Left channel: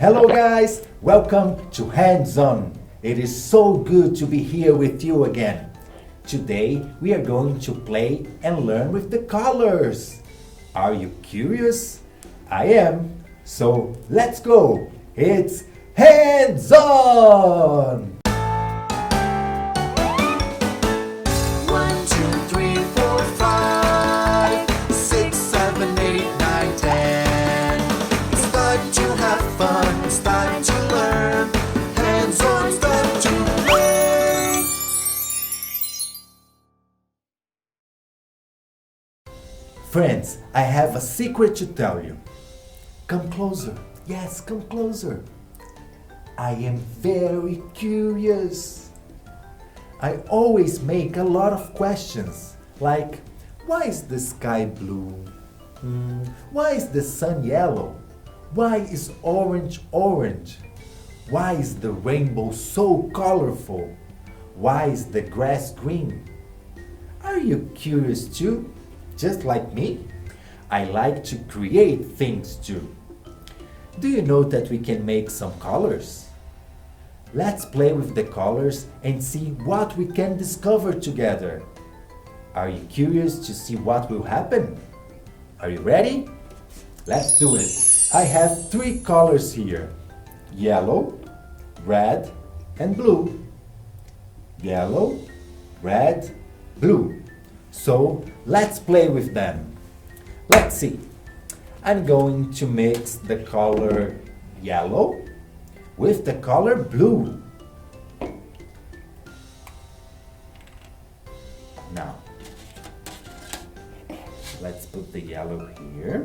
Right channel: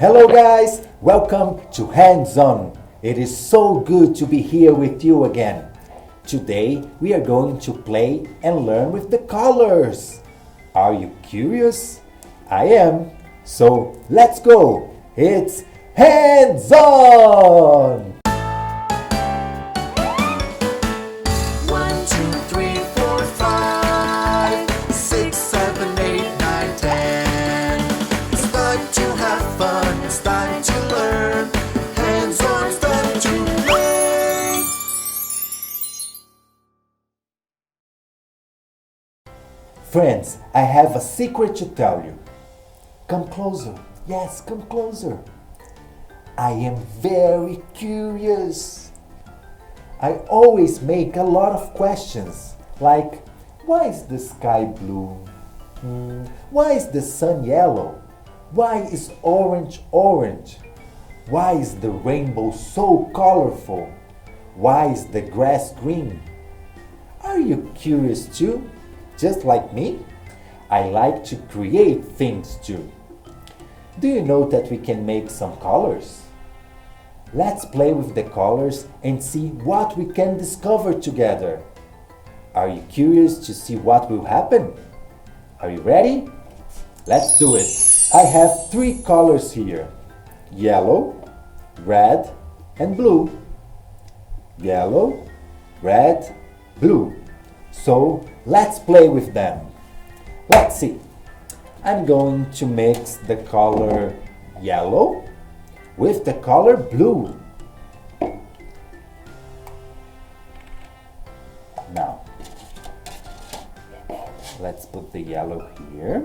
Hello guys, welcome to Hands On. It is so good to be here with you again. Today we are going to play and learn with the colors. Are you curious? I am. So let's go. It's Hands On! 1, 2, 3, 4, 5, 6, 7, 8, 9, 10. It's time to have fun, it's time to learn. Hands on, start to play. Friends, I have a secret to tell you. Come closer. Yes, come closer. I am very curious. I always make a lot of questions, like, why is the sky blue? Why is the sun yellow? Why is orange orange? Why is the rainbow so colorful? Why is the grass green? Are you curious too? Just like me? I like to create things too. Do you know that we can make some colors? Let's play with the colors and see what we can discover together. Are you curious to see what will happen? Are you ready? Let's do it. I have 3 colors here. Yellow, red, and blue. Yellow, red, blue. So let's play with them. Let's see. I'm going to mix the color yellow with the color blue. Now, let's put the yellow here.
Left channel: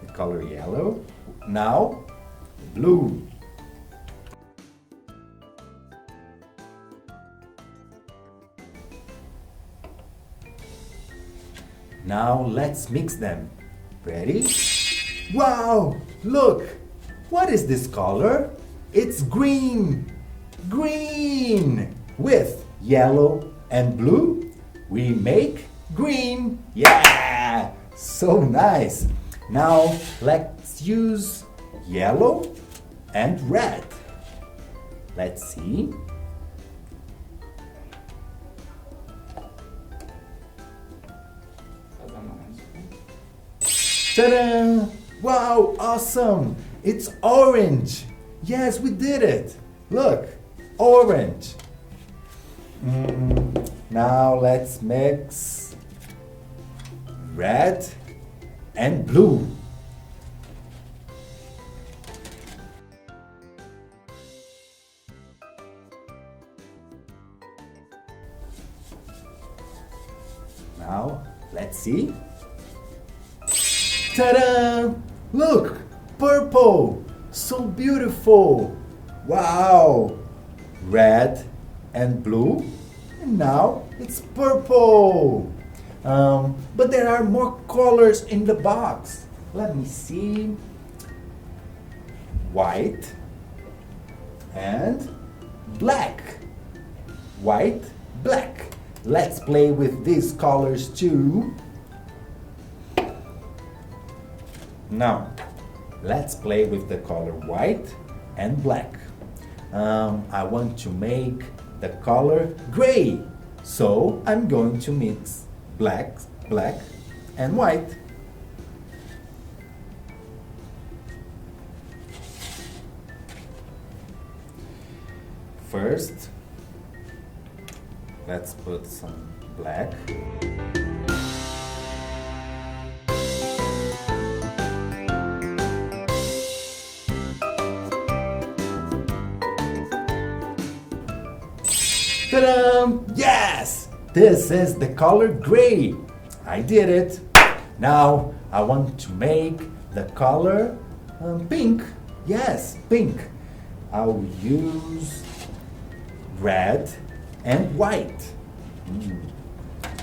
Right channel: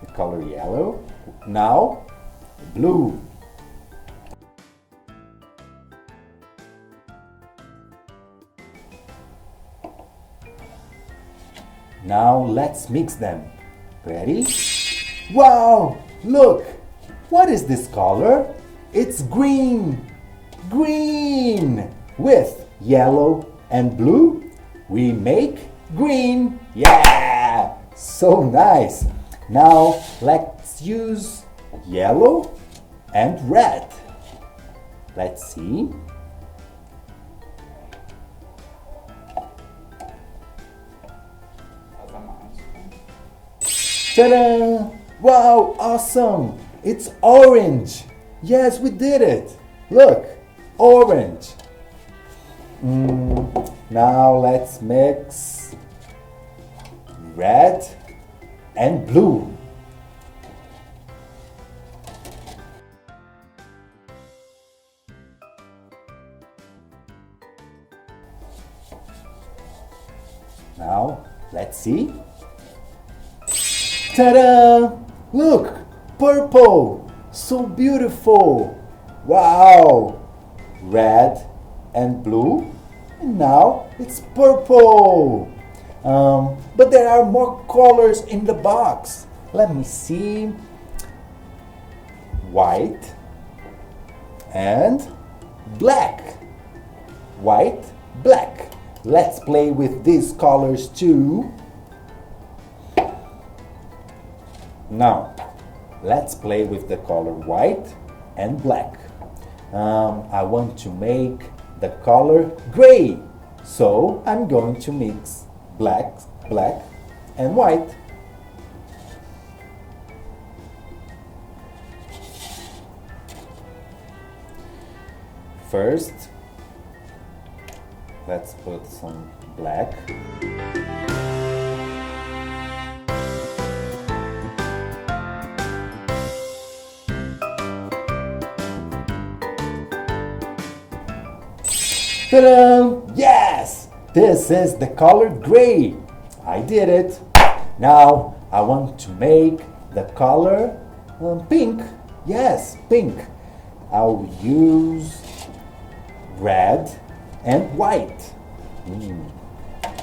The color yellow. Now, blue. Now let's mix them. Ready? Wow! Look! What is this color? It's green! Green! With yellow and blue, we make green! Yeah! So nice! Now let's use yellow and red. Let's see. Ta-da! Wow, awesome! It's orange! Yes, we did it! Look, orange! Now let's mix red and blue. Now, let's see. Ta-da! Look! Purple! So beautiful! Wow! Red and blue. And now it's purple! But there are more colors in the box. Let me see. White and black. White, black. Let's play with these colors too. Now, let's play with the color white and black. I want to make the color gray. So, I'm going to mix black, and white. First, let's put some black. Ta-da! Yes! This is the color gray. I did it. Now I want to make the color pink. Yes, pink. I'll use red and white.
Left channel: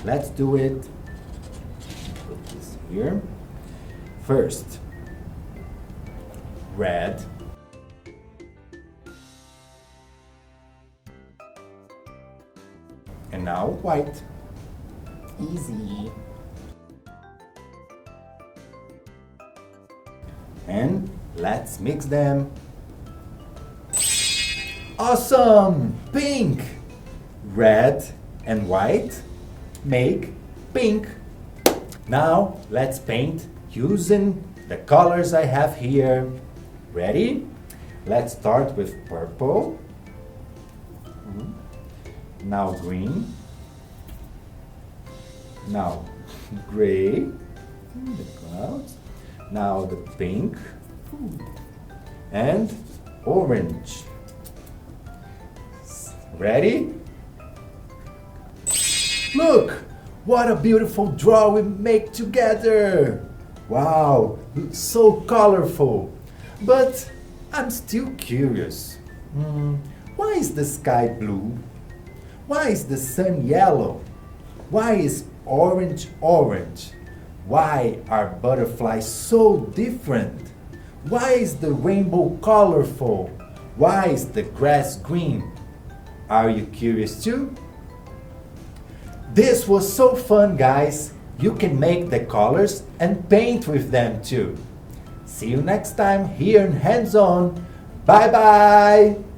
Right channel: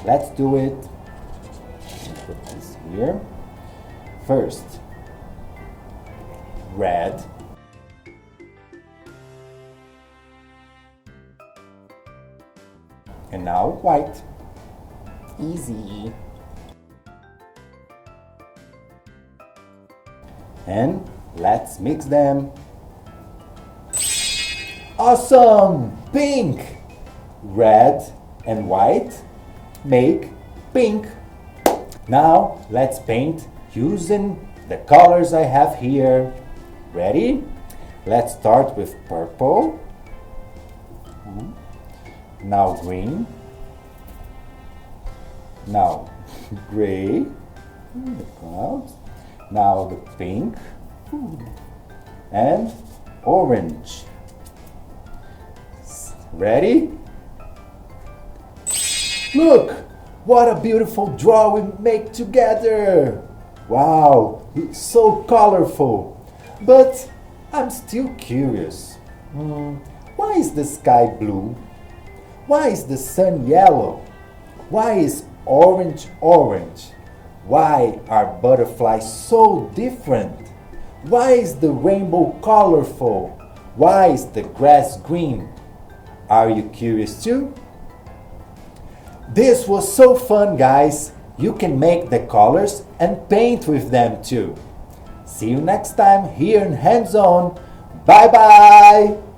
Let's do it. Put this here. First, red. And now white. Easy. And let's mix them. Awesome! Pink! Red and white make pink. Now let's paint using the colors I have here. Ready? Let's start with purple. Now green. Now gray. The clouds. Now the pink. And orange. Ready? Look! What a beautiful draw we make together! Wow, it's so colorful. But I'm still curious. Why is the sky blue? Why is the sun yellow? Why is orange orange? Why are butterflies so different? Why is the rainbow colorful? Why is the grass green? Are you curious too? This was so fun, guys. You can make the colors and paint with them too. See you next time here in Hands On. Bye bye!